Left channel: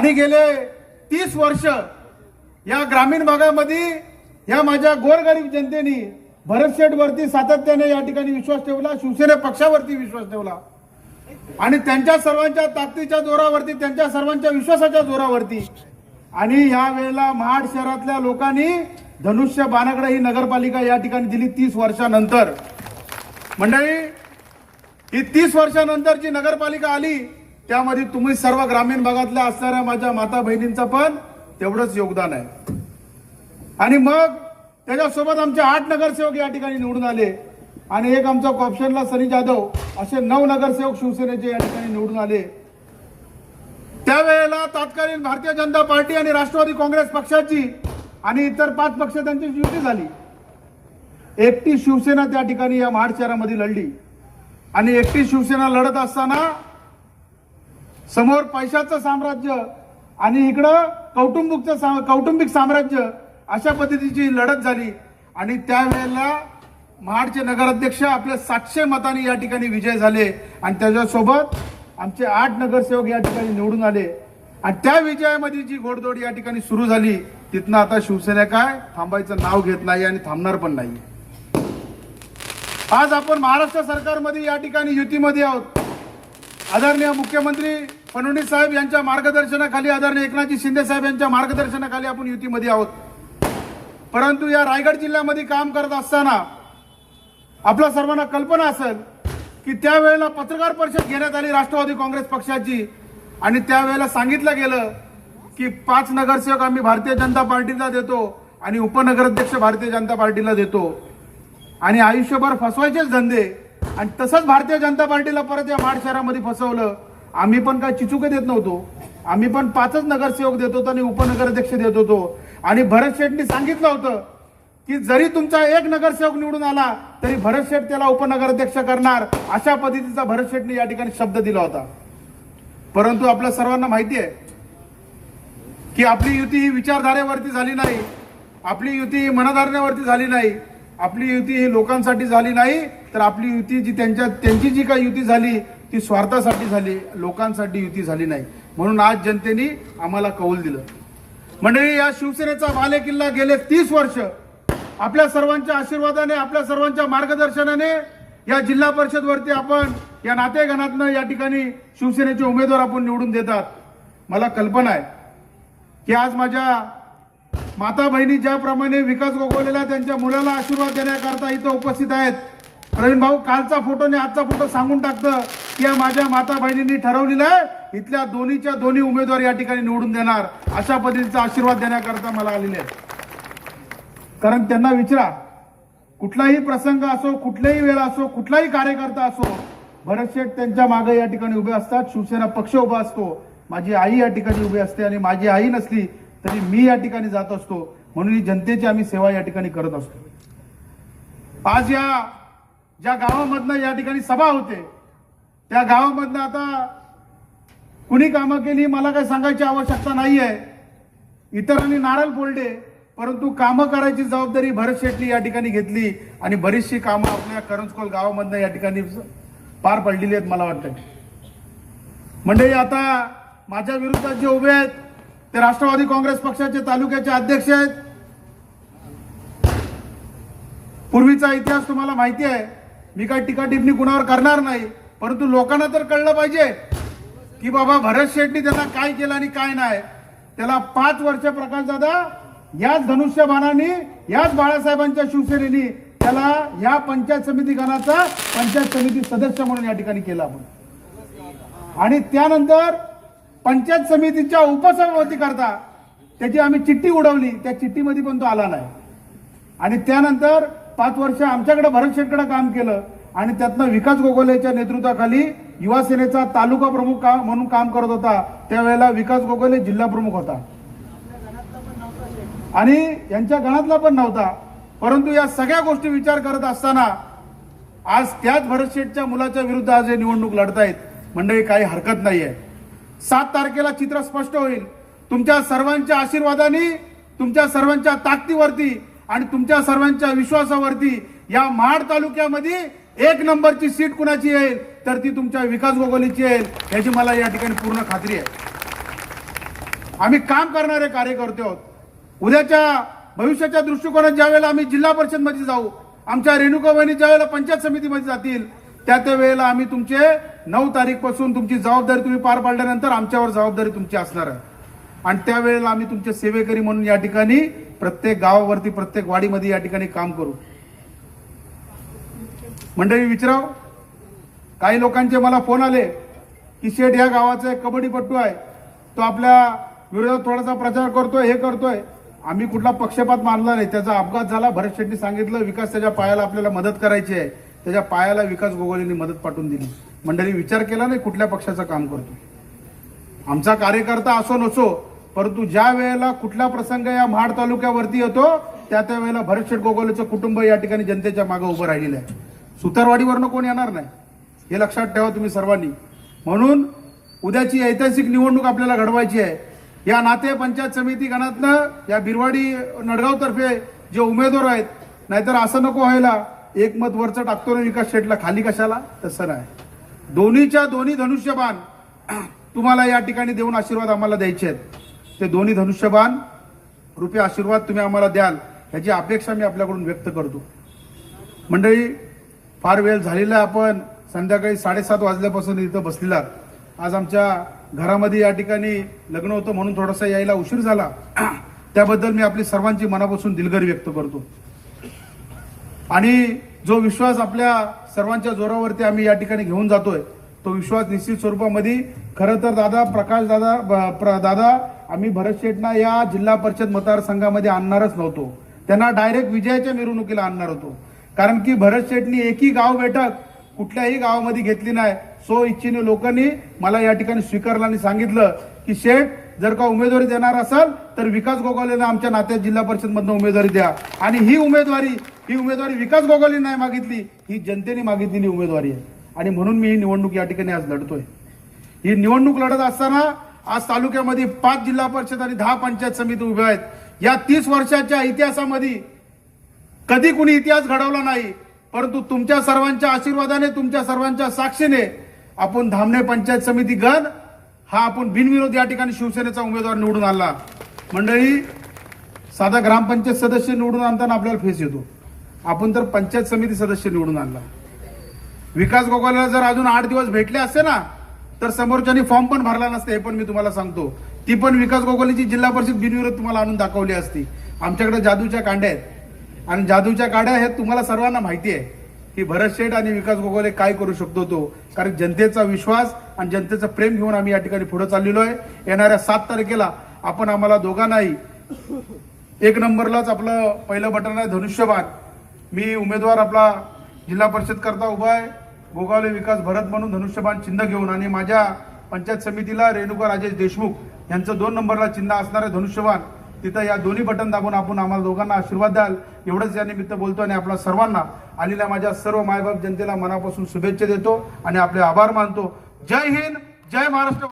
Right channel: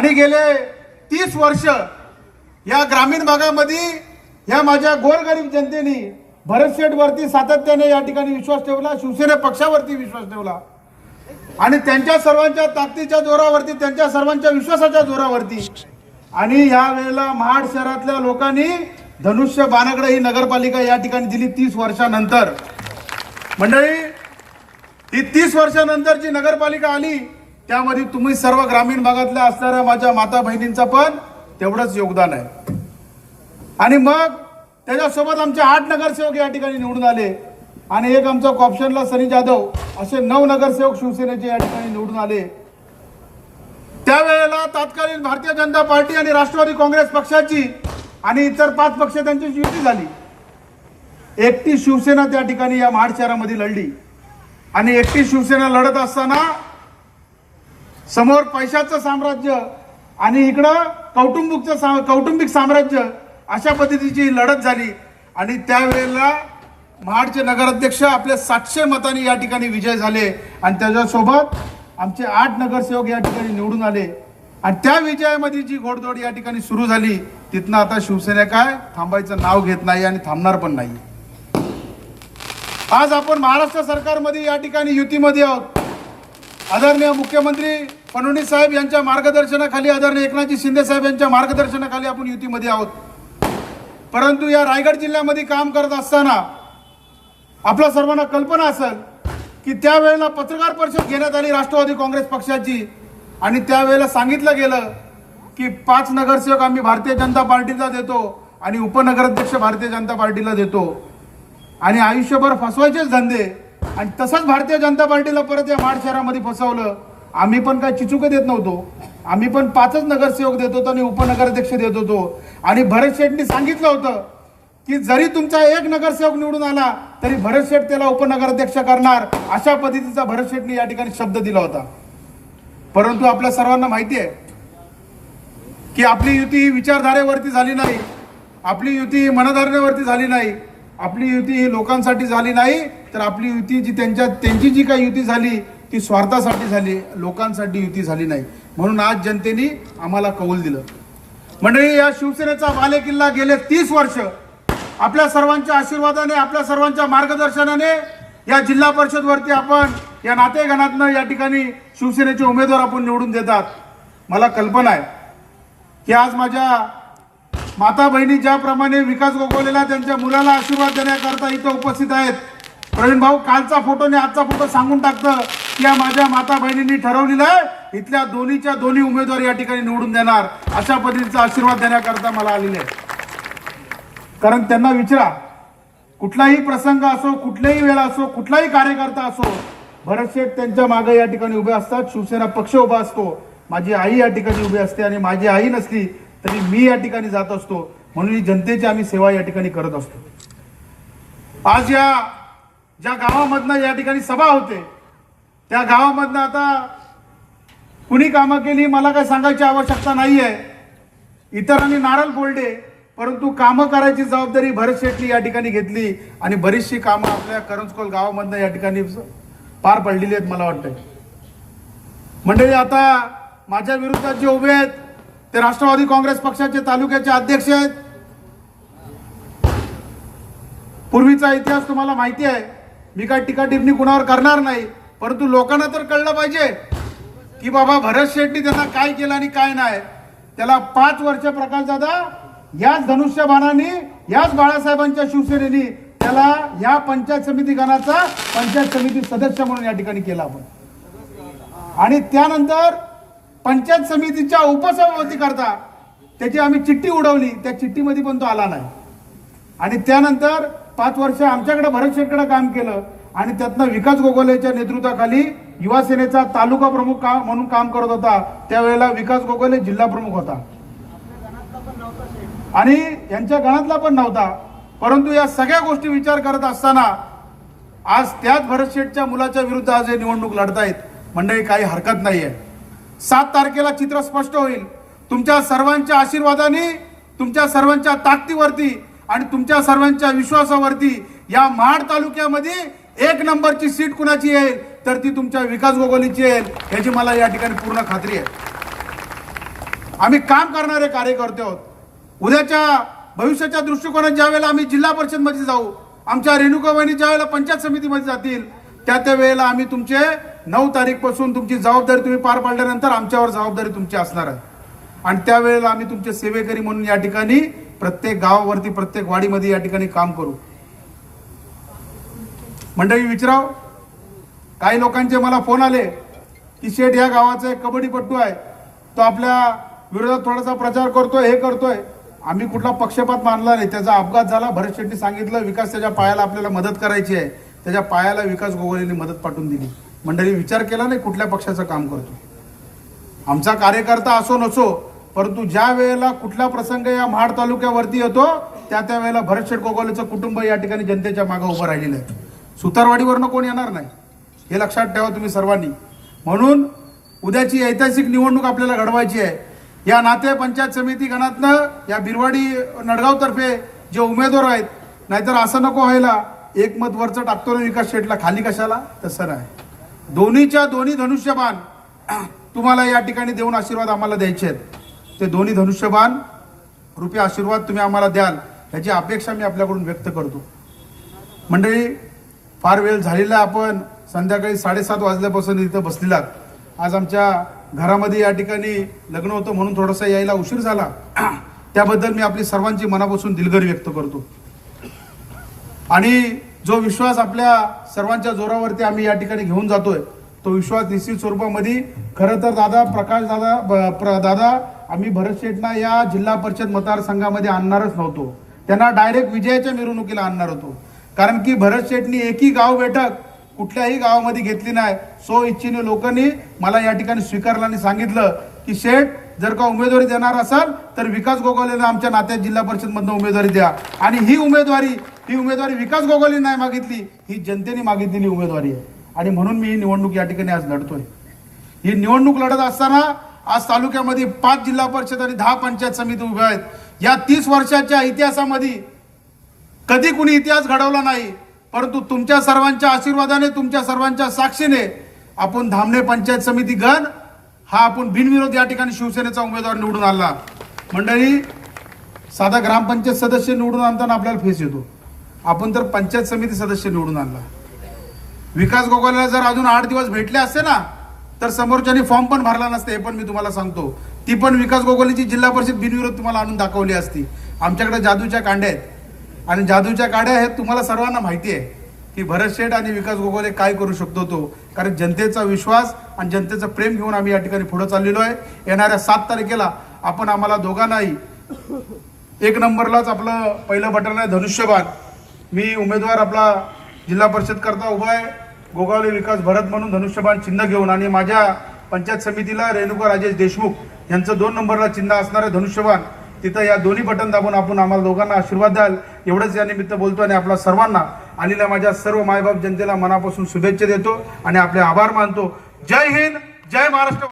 आणि गेले तीस वर्ष या ग्रामीण भागामध्ये या माझ्या गोरगरीब जनतेने भरत शेठवरती सातत्याने या ठिकाणी विश्वास ठेवला शिवसेना पक्षावरती विश्वास ठेवला. आणि त्यांच्या सर्वांच्या ताकदीच्या जोरावरती त्यांच्या सर्वांच्या विश्वासाच्या जोरावरती. आणि या वेळेला महाड शहरातल्या लोकांनी धनुष्य बाणगडे ही नगरपालिका या ठिकाणी दिली तीस वर्षानंतर. मंडळी ही तीस वर्षानंतर जी नगरपालिका आली त्यामध्ये तुम्ही सर्व ग्रामीण भागातल्या असणाऱ्या माझ्या माता बहिणींचं पण तेवढंच योगदान आहे. आणि मग त्याच्यासोबत आमचे आठ नगरसेवक या ठिकाणी निवडून आले. आणि एक आमचा कॉप्शनला सनी जाधव असे नऊ नगरसेवक शिवसेनेचे या ठिकाणी निवडून आले. त्यावेळेला तत्कालीन भारतीय जनता पार्टी आणि राष्ट्रवादी काँग्रेस पक्षाची आणि इतर पाच पक्ष त्यांची युती झाली. एकटी शिवसेना त्या ठिकाणी या महाड शहरामध्ये लढली. आणि एकटी शिवसेना लढत असताना समोर पैशाचं साम्राज्य आणि इकडं कौटुंबिकचं सा- कौटुंबिक साम्राज्य अशा पद्धतीची लढत झाली. आणि त्यावेळेला महाडचे नगराध्यक्ष आपल्या सातशे मतांनी या ठिकाणी विजय झाले. आणि त्याच्यासोबत आमचे आठ नगरसेवक या ठिकाणी निवडून आले. आणि त्या विजयामध्ये जी घोडदौड या ठिकाणी सुरू झाली तिथनं आता शिवसेना काय थांबायचं नाव घेत नाही आणि थांबणार पण नाही. आज आपण महाराष्ट्र सरकारमध्ये या ठिकाणी युतीमध्ये आहोत. आदरणीय मुख्यमंत्री फडणवीस साहेब यांच्या मार्गदर्शनाखाली आदरणीय एकनाथजी शिंदे साहेब यांच्या मार्गदर्शनाखाली आपण युतीमध्ये आहोत. परंतु या रायगड जिल्ह्यामध्ये काम करत असताना आपल्या सर्वांना कल्पना असेल की त्यावेळेला पत्रकार परिषद घेण्यात आली राष्ट्रवादी काँग्रेस पक्षाची आणि त्यावेळेला सांगितलं गेलं की पाच नगरसेवक आम्ही भारतीय जनता पार्टीला देतो आणि उपनगराध्यक्ष भारतीय जनता पार्टीला देतो. आणि आयुष्यभर फसवायचेच धंदे आणि तसंच भारतीय जनता पार्टीला परत या माड शहरामध्ये फसवलं. आम्ही पण काय चिचुक देत नव्हतो. आम्ही पण पाचच नगरसेवक देत होतो आणि उपनगराध्यक्ष देत होतो. आणि भरत शेठनी सांगितलं होतं की जरी तुमचा एक नगरसेवक निवडून आला तरी भरत शेठ त्याला उपनगराध्यक्ष करणार. अशा पद्धतीचा भरत शेठनी या ठिकाणी शब्द दिला होता. परंतु आपल्या सर्वांना माहिती आहे की आपली युती ही विचारधारेवरती झाली नाही. आपली युती ही मनधारणेवरती झाली नाही. आपली युती ही लोकांसाठी झाली नाही. तर आपली युती जी त्यांच्या त्यांची जी काही युती झाली ती स्वार्थासाठी झाली लोकांसाठी युती झाली नाही. म्हणून आज जनतेने आम्हाला कौल दिलं. मंडळी या शिवसेनेचा बालेकिल्ला गेले तीस वर्ष. आपल्या सर्वांच्या आशीर्वादाने आपल्या सर्वांच्या मार्गदर्शनाने या जिल्हा परिषद वरती आपण या नातेगणातनं या ठिकाणी शिवसेनेचे उमेदवार आपण निवडून देतात. मला कल्पना आहे की आज माझ्या माता बहिणी ज्याप्रमाणे विकास गोगवलेला त्यांच्या मुलाला आशीर्वाद देण्याकरता इथं उपस्थित आहेत प्रवीण भाऊ कालचा फोटो आणि आजचा फोटो सांगून टाकतं. या माझ्या माता बहिणींनी ठरवलेलं आहे इथल्या दोन्हीच्या दोन्ही उमेदवार या ठिकाणी निवडून देणार. अशा पद्धतीचा आशीर्वाद देण्याकरता मला आलेले कारण त्यांना विचारा कुठलाही प्रसंग असो कुठल्याही वेळा असो कुठलाही कार्यकर्ता असो भरत शेठ त्यांच्या मागे या ठिकाणी उभे असतात. शिवसेना पक्ष उभा असतो. माझी आई या ठिकाणी उभी असते आणि माझी आई नसली तरी मी या ठिकाणी जात असतो. म्हणून ही जनतेची आम्ही सेवा या ठिकाणी करत असतो. आज या ज्या गावामधनं या ठिकाणी सभा होते त्या गावामधनं आता कुणी कामं केली मला काही सांगायची आवश्यकता नाही आहे इतरांनी नारळ फोडले परंतु कामं करायची जबाबदारी भरत शेट्टी या ठिकाणी घेतली आणि बरीचशी कामं आपल्या करंजकोल गावामधनं या ठिकाणी पार पडलेली आहेत मला वाटतं. मंडळी आता माझ्या विरोधात जे उभे आहेत ते राष्ट्रवादी काँग्रेस पक्षाचे तालुक्याचे अध्यक्ष आहेत. पूर्वीचा इतिहास तुम्हाला माहिती आहे. मी काय टीका टिप्पणी कुणावर करणार नाही. परंतु लोकांना तर कळलं पाहिजे की बाबा भरत शेट्टी त्यांना काय केलं आणि काय नाही. त्याला पाच वर्ष प्रकाश दादा याच धनुष्यबाणाने याच बाळासाहेबांच्या शिवसेनेनी त्याला या पंचायत समिती गणाचा पंचायत समिती सदस्य म्हणून या ठिकाणी केला आपण आणि त्यानंतर पंचायत समितीच्या उपसभापती करता त्याची आम्ही चिठ्ठी उडवली त्या चिठ्ठीमध्ये पण तो आला नाही. आणि त्यानंतर पाच वर्ष आमच्याकडे भरत शेटकडे काम केलं. आणि त्यातनं विकास गोगोलेच्या नेतृत्वाखाली युवा सेनेचा तालुका प्रमुख काम म्हणून काम करत होता त्यावेळेला विकास गोगोले जिल्हा प्रमुख होता. आणि यांच्या गणातला पण नव्हता परंतु या सगळ्या गोष्टी विचार करत असताना आज त्याच भरतशेठच्या मुलाच्या विरुद्ध आज हे निवडणूक लढतायत मंडळी काही हरकत नाहीये. सात तारखेला चित्र स्पष्ट होईल. तुमच्या सर्वांच्या आशीर्वादाने तुमच्या सर्वांच्या ताकदीवरती आणि तुमच्या सर्वांच्या विश्वासावरती या महाड तालुक्यामध्ये एक नंबरची सीट कुणाची येईल? तर ती तुमच्या विकास गोगोलीची येईल. याची मला या ठिकाणी पूर्ण खात्री आहे. आम्ही काम करणारे कार्यकर्ते आहोत. उद्याच्या भविष्याच्या दृष्टिकोनात ज्या वेळेला आम्ही जिल्हा परिषदमध्ये जाऊ आमच्या रेणुका वहिनी ज्या वेळेला पंचायत समितीमध्ये जातील त्या त्या वेळेला आम्ही तुमचे नऊ तारीखपासून तुमची जबाबदारी तुम्ही पार पाडल्यानंतर आमच्यावर जबाबदारी तुमची असणार आहे. आणि त्यावेळेला आम्ही तुमचे सेवेकरी म्हणून या ठिकाणी प्रत्येक गावावरती प्रत्येक वाडीमध्ये या ठिकाणी काम करू. मंडळी विचाराव काही लोकांचे मला फोन आले की शेठ या गावाचा एक कबड्डीपट्टू आहे तो आपल्या विरोधात थोडासा प्रचार करतोय हे करतोय. आम्ही कुठला पक्षपात मानला नाही. त्याचा अपघात झाला भरत शेट्टी सांगितलं विकास त्याच्या पायाला आपल्याला मदत करायची आहे. त्याच्या पायाला विकास गोगोलेने मदत पाठवून दिली. मंडळी विचार केला नाही कुठल्या पक्षाचं काम करतो. आमचा कार्यकर्ता असो नसो परंतु ज्या वेळेला कुठला प्रसंग या महाड तालुक्यावरती येतो त्या त्या वेळेला भरत शेठ गोगोलेचं कुटुंब या ठिकाणी जनतेच्या मागे उभं राहिलेलं आहे. सुतारवाडीवरनं कोण येणार नाही? हे लक्षात ठेवा तुम्ही सर्वांनी. म्हणून उद्याची ऐतिहासिक निवडणूक आपल्याला घडवायची आहे. या नाते पंचायत समिती गणातनं या बिरवाडी नडगावतर्फे जे उमेदवार आहेत नाहीतर असं नको व्हायला. एक मत वरचं टाकतो ना विकास शेटला. खाली कशाला? तसं नाही. दोन्हीच्या दोन्ही धनुष्यबाण तुम्हाला या ठिकाणी देऊन आशीर्वाद आम्हाला द्यायचे आहेत. ते दोन्ही धनुष्यबाण रुपये आशीर्वाद तुम्ही आम्हाला द्याल याची अपेक्षा मी आपल्याकडून व्यक्त करतो. मंडळी फार वेळ झालेला आपण संध्याकाळी साडेसात वाजल्यापासून इथं बसलेला आज आमच्या घरामध्ये या ठिकाणी लग्न होतं म्हणून थोडासा यायला उशीर झाला. त्याबद्दल मी आपली सर्वांची मनापासून दिलगरी व्यक्त करतो. आणि जो विश्वास आपल्या सर्वांच्या जोरावरती आम्ही या ठिकाणी घेऊन जातोय तो विश्वास निश्चित स्वरूपामध्ये खरं तर दादा प्रकाश दादा प्र- दादा आम्ही भरत शेठना या जिल्हा परिषद मतदारसंघामध्ये आणणारच नव्हतो. त्यांना डायरेक्ट विजयाच्या मिरवणुकीला आणणार होतो. कारण की भरत शेठनी एकही गाव बैठक कुठल्याही गावामध्ये घेतली नाही. सो इच्छेने लोकांनी मला या ठिकाणी स्वीकारलं आणि सांगितलं की शेठ जर का उमेदवारी देणार असाल तर विकास गोगावलेनं आमच्या नात्यात जिल्हा परिषदमधनं उमेदवारी द्या. आणि ही उमेदवारी ही उमेदवारी विकास गोगावले नाही मागितली ही जनतेने मागितलेली उमेदवारी आहे. आणि म्हणून मी ही निवडणूक या ठिकाणी आज लढतोय. ही निवडणूक लढत असताना आज तालुक्यामध्ये पाच जिल्हा परिषद आणि दहा पंचायत समिती उभ्या आहेत. या तीस वर्षाच्या इतिहासामध्ये कधी कुणी इतिहास घडवला नाही परंतु तुमच्या सर्वांच्या आशीर्वादाने तुमच्या सर्वांच्या साक्षीने आपण धामणे पंचायत समिती गण हा आपण बिनविरोध या ठिकाणी शिवसेनेचा उमेदवार निवडून आणला. मंडळी साधा ग्रामपंचायत सदस्य निवडून आणताना आपल्याला फेस येतो. आपण तर पंचायत समिती सदस्य निवडून आणला. विकास गोगावलेला जर अजून आठ दिवस भेटले असते ना तर समोरच्यानी फॉर्म पण भरला नसते हे पण मी तुम्हाला सांगतो. ती पण विकास गोगोलीची जिल्हा परिषद बिनविरोध तुम्हाला आणून दाखवली असती. आमच्याकडे जादूच्या कांड्या आहेत. आणि जादूच्या गाड्या आहेत तुम्हाला सर्वांना माहिती आहे की भरत शेठ आणि विकास गोगोले काय करू शकतो तो. कारण जनतेचा विश्वास आणि जनतेचं प्रेम घेऊन आम्ही या ठिकाणी पुढे चाललेलो आहे. येणाऱ्या सात तारखेला आपण आम्हाला दोघांनाही एक नंबरलाच आपलं पहिलं बटन आहे धनुष्यबाण. मी उमेदवार आपला जिल्हा परिषद करता उभा आहे. गोगावले विकास भरत म्हणून धनुष्यबाण चिन्ह घेऊन आणि माझ्या पंचायत समितीला रेणुका राजेश देशमुख यांचं दोन नंबरला चिन्ह असणार आहे धनुष्यबाण. तिथं या दोन्ही बटन दाबून आपण आम्हाला दोघांना आशीर्वाद द्याल. एवढंच या निमित्त बोलतो आणि आपल्या सर्वांना आलेल्या माझ्या सर्व मायबाप जनतेला मनापासून शुभेच्छा देतो आणि आपले आभार मानतो. जय हिंद जय महाराष्ट्र.